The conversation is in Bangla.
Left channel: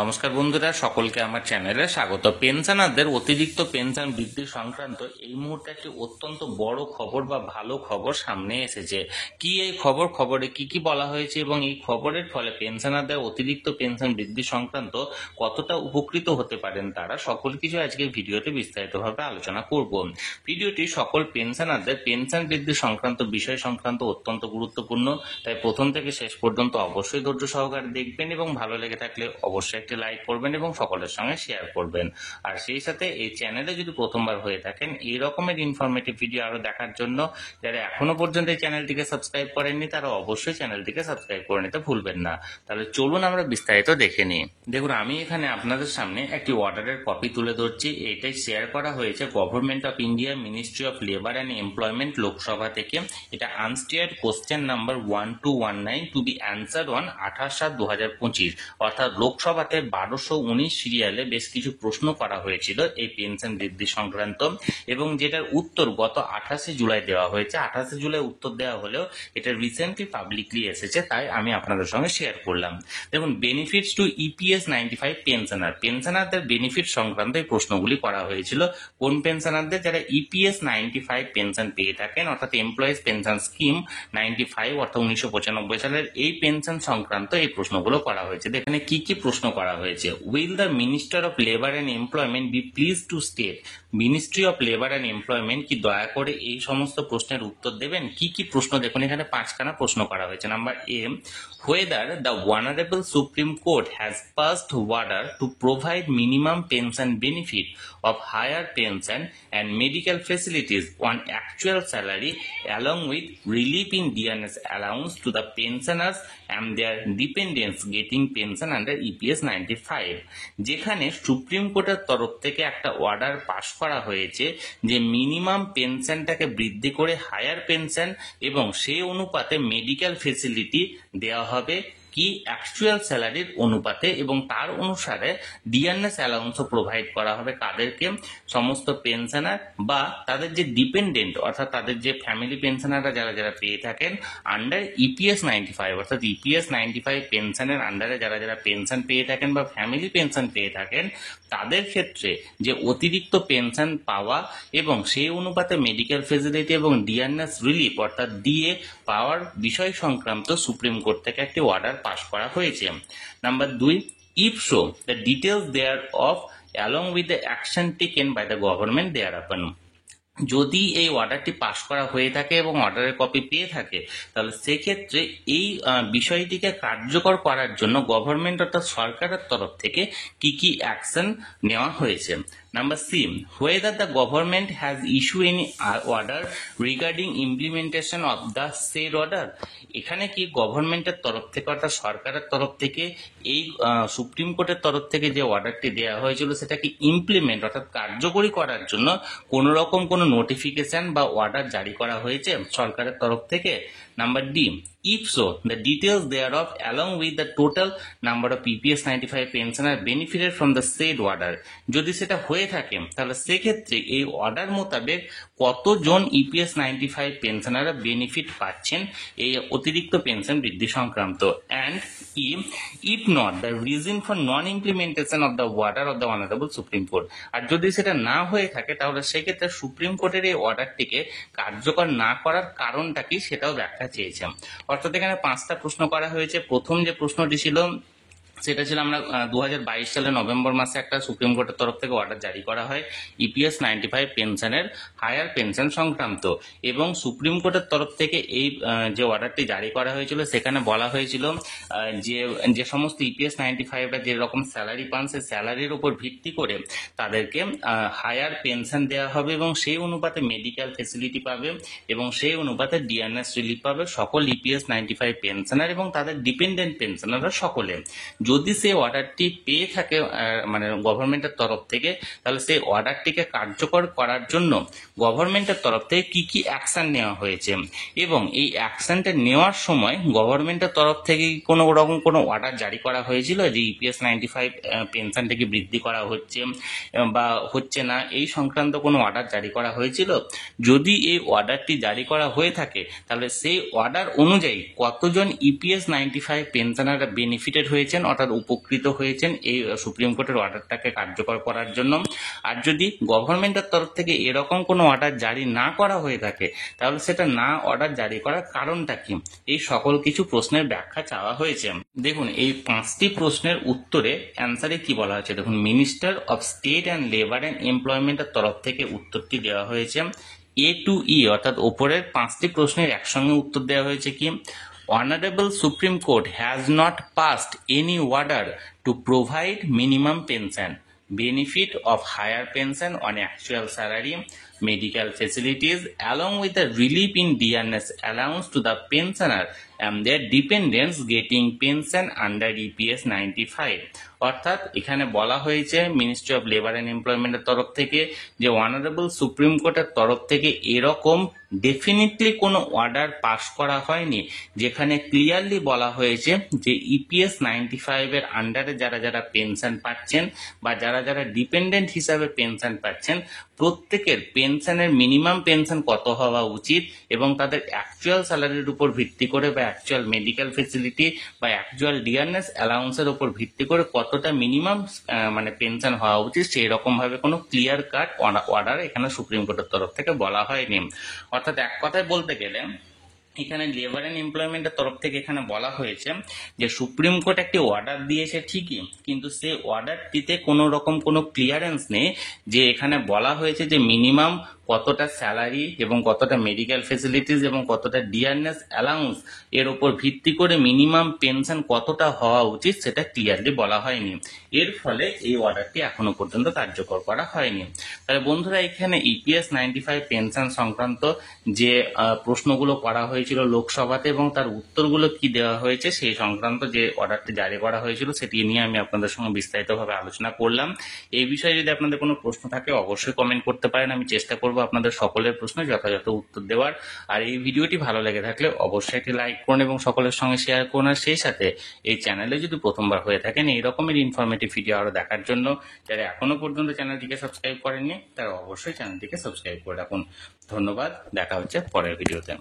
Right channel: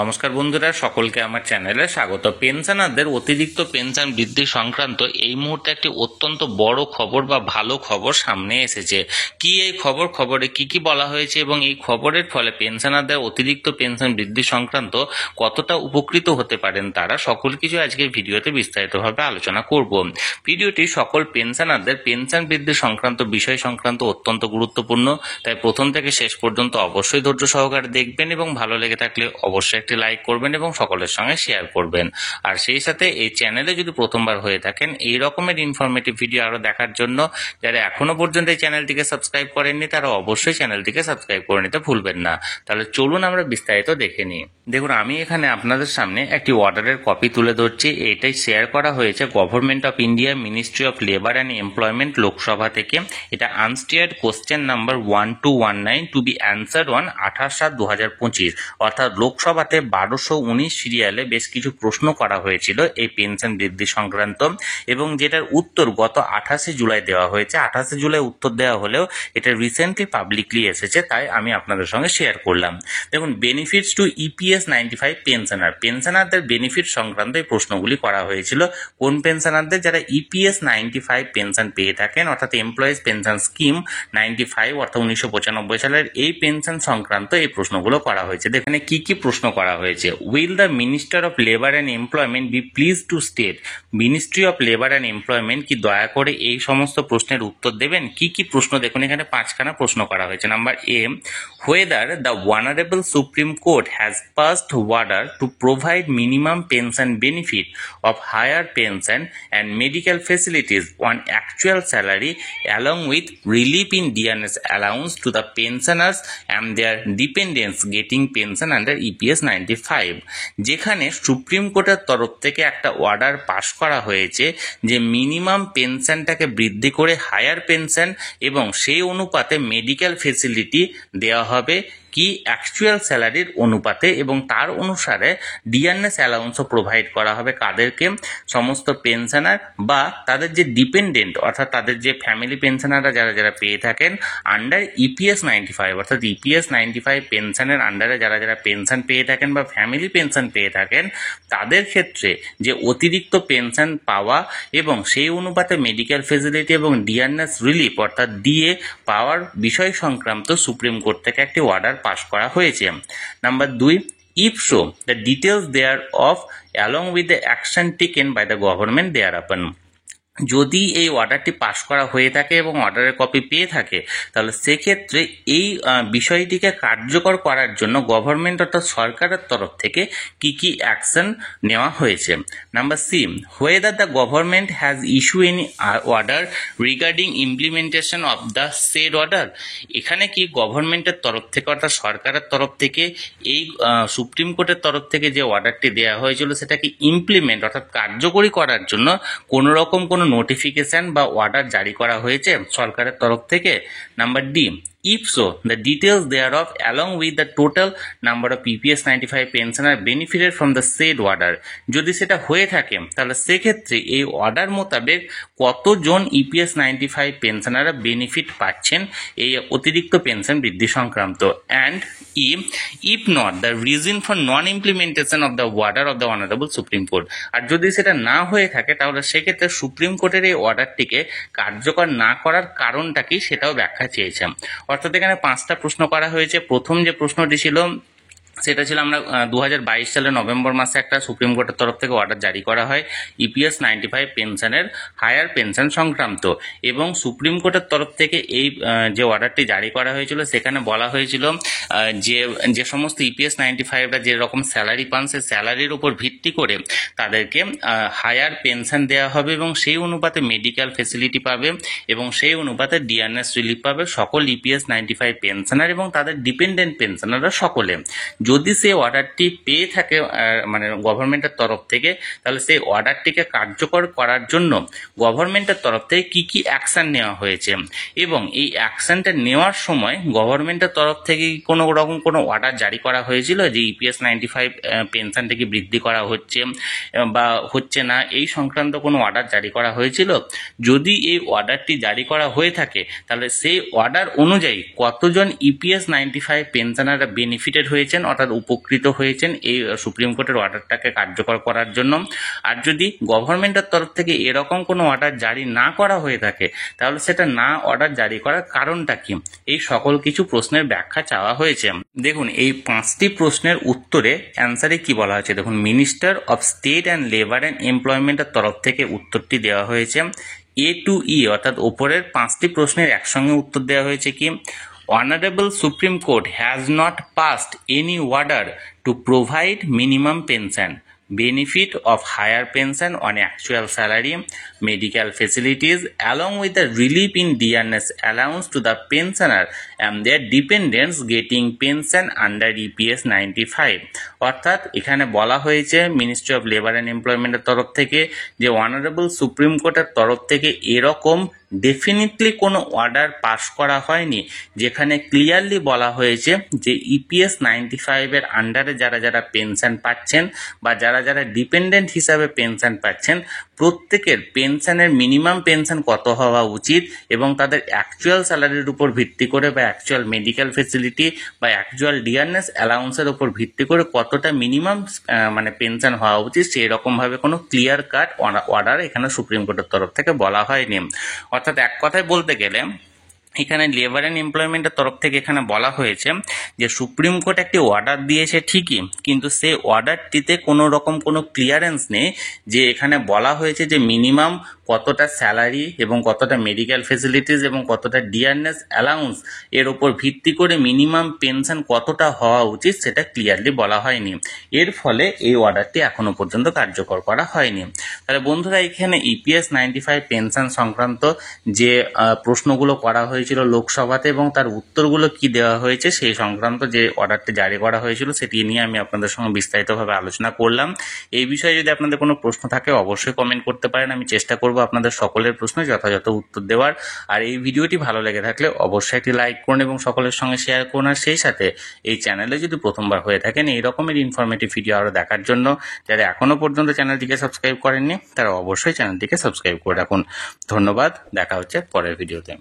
নমস্কার বন্ধুরা, সকলকে আমার চ্যানেলে স্বাগত। পেনশনারদের অতিরিক্ত পেনশন বৃদ্ধি সংক্রান্ত এই মুহূর্তে একটি অত্যন্ত বড় খবর বা ভালো খবর সামনে এসেছে। কি এই খবরে কি বলা হয়েছে এবং এই খবরের ফলে পেনশনারদের অতিরিক্ত পেনশন বৃদ্ধি সংক্রান্ত কতটা উপকৃত হতে পারেন তারা, সকল কিছু আজকের ভিডিওতে বিস্তারিতভাবে আলোচনা করব। ভিডিওটি সকল পেনশনারদের পেনশন বৃদ্ধি সংক্রান্ত বিষয় সংক্রান্ত অত্যন্ত গুরুত্বপূর্ণ, তাই প্রথম থেকে শেষ পর্যন্ত অবশ্যই ধৈর্য সহকারে দেখবেন এবং ভালো লেগে থাকলে অবশ্যই একটি লাইক করবেন এবং সকলের সঙ্গে শেয়ার করবেন। আর সেই সাথে এই চ্যানেলে যদি প্রথমবার হয়ে থাকেন এই রকমের ইনফরমেটিভ ভিডিও আরো দেখার জন্য যারা এখনো পর্যন্ত এই চ্যানেলটিকে সাবস্ক্রাইব করেননি তারা অবশ্যই চ্যানেলটিকে সাবস্ক্রাইব করে নিতে ভুলবেন না। তাহলে চলুন আমরা বিস্তারিত দেখে নিই। দেখুন, আমি এখানে আপনাদের সামনে একটি অর্ডারের কপি তুলে ধরছি। এটাই শেয়ার করা হয়েছে government of India, ministry of labour and employment, Lok Sabha থেকে। এটা আনস্টিয়ার্ড question number 1219 two B answered on 28/7/2025, অর্থাৎ লোকসভাতে 1219 সিরিয়ালে বেশ কিছু প্রশ্ন করা হয়েছিল এই পেনশন বৃদ্ধি সংক্রান্ত, এবং যেটার উত্তর গত 28 জুলাই দেওয়া হয়েছে। 28 জুলাই উত্তর দেওয়া হলেও এটা রিসেন্টলি পাবলিকলি এসেছে, তাই আমি আপনাদের সঙ্গে শেয়ার করলাম। দেখুন, বেনিফিটস টু ইপিএস 95 পেনশনারদের বেনিফিট সংক্রান্ত এই প্রশ্নগুলি করা হয়েছিল। কোন পেনশনারদের? যারা ইপিএস 95 পেনশন পেয়ে থাকেন, অর্থাৎ এমপ্লয়িজ পেনশন স্কিম 95 অর্থাৎ 1995 সালের এই পেনশন সংক্রান্ত এই প্রশ্নগুলো করা হয়েছে। এখানে কি প্রশ্ন করা হয়েছে? Will the minister of labour and employment be please to state, ministry of labour and employment কি দয়া করে এই সমস্ত প্রশ্নের উত্তর দেবেন? কি প্রশ্ন? দেখুন, এখানে 5খানা প্রশ্ন করা হয়েছে। Number A, whether the Honorable Supreme Court has passed order to provide minimum pension benefit of higher pension and medical facilities on actual salary along with relief in dearness allowance to the pensioners and their dependents getting pension under EPS 95। যেখানে সুপ্রিম কোর্টের তরফ থেকে একটা অর্ডার পাশ করা হয়েছে যে মিনিমাম পেনশনটাকে বৃদ্ধি করে হায়ার পেনশন এবং সেই অনুপাতে মেডিকেল ফেসিলিটি দেওয়া হবে কি অ্যাকচুয়াল স্যালারির অনুপাতে, এবং তার অনুসারে ডিয়ারনেস অ্যালাউন্সও প্রোভাইড করা হবে কাদেরকে? সমস্ত পেনশনার বা তাদের যে ডিপেন্ডেন্ট, অর্থাৎ তাদের যে ফ্যামিলি পেনশনাররা যারা পেয়ে থাকেন আন্ডার ইপিএস 95, অর্থাৎ ইপিএস 95 পেনশনের আন্ডারে যারা পেনশন পেয়ে থাকেন বা ফ্যামিলি পেনশন পেয়ে থাকেন, তাদের ক্ষেত্রে যে অতিরিক্ত পেনশন পাওয়া এবং সেই অনুপাতে মেডিকেল ফেসিলিটি এবং ডিয়ারনেস রিলিফ অর্থাৎ ডিএ পাওয়ার বিষয় সংক্রান্ত সুপ্রিম কোর্ট থেকে একটি অর্ডার পাশ করা হয়েছে। Number 2, if so the details thereof along with the action taken by the government thereupon। যদি এই অর্ডারটি পাশ করা হয়ে থাকে এবং অর্ডারের কপি পেয়ে থাকে, তাহলে সেক্ষেত্রে এই বিষয়টিকে কার্যকর করার জন্য গভর্নমেন্ট অর্থাৎ সরকারের তরফ থেকে কি অ্যাকশন নেওয়া হয়েছে। Number C, whether the government has issued any order regarding implementation of the said order। এখানে কি গভর্নমেন্টের তরফ থেকে অর্থাৎ সরকারের তরফ থেকে এই সুপ্রিম কোর্টের তরফ থেকে যে অর্ডারটি দেওয়া হয়েছিল সেটাকে ইমপ্লিমেন্ট অর্থাৎ কার্যকরী করার জন্য কোনো রকম কোনো নোটিফিকেশন বা অর্ডার জারি করা হয়েছে সরকারের তরফ থেকে? Number D, if so the details thereof along with the total number of EPS 95 pensioner benefited from the said order। যদি সেটা হয়ে থাকে তাহলে সেক্ষেত্রে এই অর্ডার মোতাবেক কতজন ইপিএস 95 পেনশনাররা বেনিফিট পাচ্ছেন এই অতিরিক্ত পেনশন বৃদ্ধি সংক্রান্ত। And if not the reason for non implementation of the order of the Honorable Supreme Court। আর যদি সেটা না হয়ে থাকে তাহলে সেক্ষেত্রে সুপ্রিম কোর্টের এই অর্ডারটিকে কার্যকর না করার কারণটা কি সেটাও ব্যাখ্যা চেয়েছে। অর্থাৎ এখানে 5টা প্রশ্ন করা হয়েছে। প্রথম যে প্রশ্নটি ছিল সেটা ছিল, আমরা 2022 সালের নভেম্বর মাসে একটা সুপ্রিম কোর্টের তরফ থেকে অর্ডার জারি করা হয় ইপিএস 95 পেনশনের হায়ার পেনশন সংক্রান্ত, এবং সুপ্রিম কোর্টের তরফ থেকে এই যে অর্ডারটি জারি করা হয়েছিল সেখানে বলা হয়েছিল যে সমস্ত ইপিএস 95রা যেরকম স্যালারি পান সেই স্যালারির উপর ভিত্তি করে তাদেরকে হায়ার পেনশন দেওয়া হবে এবং সেই অনুপাতে মেডিকেল ফেসিলিটি পাবে এবং সেই অনুপাতে ডিআরএস রিলিফ পাবে সকল ইপিএস 95 পেনশনার এবং তাদের ডিপেন্ডেন্ট পেনশনাররা সকলে। যদি সেই অর্ডারটি পেয়ে থাকে মানে গভর্নমেন্টের তরফ থেকে, তাহলে সেই অর্ডারটিকে কার্যকর করার জন্য গভর্নমেন্টের তরফ থেকে কি অ্যাকশন নেওয়া হয়েছে, এবং এই অ্যাকশনটা নেওয়ার সময় গভর্নমেন্টের তরফ থেকে কোনো রকম কোনো অর্ডার জারি করা হয়েছিল যে ইপিএস 95 পেনশনটাকে বৃদ্ধি করা হচ্ছে বা হচ্ছে না, এই সংক্রান্ত কোনো অর্ডার জারি করা হয়েছিল? যদি এই অর্ডারটি জারি করা হয়ে থাকে তাহলে সেই অর্ডার অনুযায়ী কতজন ইপিএস 95 পেনশনাররা বেনিফিটেড হয়েছেন, অর্থাৎ অর্থাৎ উপকৃত হয়েছেন এই সুপ্রিম কোর্টের অর্ডারটাকে কার্যকর করার জন্য। আর যদি গভর্নমেন্টের তরফ থেকে এরকম কোনো অর্ডার জারি না করা হয়ে থাকে তাহলে সেটা না অর্ডার জারি করার কারণটা কি, এই সকল কিছু প্রশ্নের ব্যাখ্যা চাওয়া হয়েছে। দেখুন এই 5টি প্রশ্নের উত্তরে অ্যান্সারে কি বলা হয়েছে, দেখুন minister of state and labour and এমপ্লয়মেন্টের তরফ থেকে উত্তরটি দেওয়া হয়েছে। A to E অর্থাৎ ওপরের 5টি প্রশ্নের একসঙ্গে উত্তর দেওয়া হয়েছে কি, Honorable Supreme Court has not passed any order to provide minimum pension, benefit of higher pension on actual salary, medical facilities, along with the relief in dearness allowance to the pensioner and their dependents getting pension under EPS 95। অর্থাৎ এখানে বলা হয়েছে মিনিস্ট্রি অফ লেবার অ্যান্ড এমপ্লয়মেন্টের তরফ থেকে যে অনারেবল সুপ্রিম কোর্টের তরফ থেকে এরকম ডেফিনেটলি কোনো অর্ডার পাস করা হয়নি যেখানে ক্লিয়ারলি বলা হয়েছে যে EPS 95-এর আন্ডারে যারা যারা পেনশন পাচ্ছেন বা যারা যারা ডিপেন্ডেন্ট হিসাবে পেনশন পাচ্ছেন প্রত্যেকের পেনশনের মিনিমাম পেনশন কত হওয়া উচিত এবং তাদের অ্যাকচুয়াল স্যালারির উপর ভিত্তি করে বা অ্যাকচুয়াল মেডিকেল ফেসিলিটি বা অ্যাকচুয়াল ডিয়ারনেস অ্যালাউন্সের উপর ভিত্তি করে কতটা মিনিমাম মানে পেনশন হওয়া উচিত সেই রকমভাবে কোনো ক্লিয়ার কাট অর্ডার এখানে সুপ্রিম কোর্টের তরফ থেকে বলা হয়নি। অর্থাৎ এক কথায় বলতে গেলে এখানে লেবার অ্যান্ড এমপ্লয়মেন্টের তরফ থেকে এখানে বলা হয়েছে যে সুপ্রিম কোর্ট একটি অর্ডার দিয়েছে ঠিকই, কিন্তু সেই অর্ডারটিতে কোনো রকম কোনো ক্লিয়ারেন্স নেই যে এখানে বলা হয়েছে যে মিনিমাম কতটা স্যালারি এবং কতটা মেডিকেল ফেসিলিটিস এবং কতটা ডিয়ারনেস অ্যালাউন্স এর ওপর ভিত্তি করে মিনিমাম পেনশন কতটা হওয়া উচিত সেটা ক্লিয়ারলি বলা হয়নি। এর ফলে এই অর্ডারটি এখনো পর্যন্ত কার্যকর করা হয়নি। তাহলে বন্ধুরা এখানে EPS 95 পেনশন সংক্রান্ত যে প্রশ্নগুলো করা হয়েছিল লোকসভাতে এবং তার উত্তরগুলো কি দেওয়া হয়েছে সেই সংক্রান্ত যে অর্ডারটি জারি করা হয়েছিল সেটি নিয়ে আমি আপনাদের সঙ্গে বিস্তারিতভাবে আলোচনা করলাম। এই বিষয়ে যদি আপনাদের কোনো প্রশ্ন থাকে অবশ্যই কমেন্ট করতে পারেন, আমি চেষ্টা করব আপনাদের সকলের প্রশ্ন যথাযথ উত্তর দেওয়ার। আর এই ভিডিওটি ভালো লেগে থাকলে অবশ্যই একটি লাইক করুন এবং সকলের সঙ্গে শেয়ার করুন। আর সেই সাথে এই চ্যানেলে যদি প্রথমবার হয়ে থাকেন এই রকমের ইনফরমেটিভ ভিডিও আরও দেখার জন্য যারা এখনো পর্যন্ত চ্যানেলটিকে সাবস্ক্রাইব করেননি তারা অবশ্যই চ্যানেলটিকে সাবস্ক্রাইব করে রাখুন। ধন্যবাদ, দেখা হচ্ছে পরের ভিডিওতে।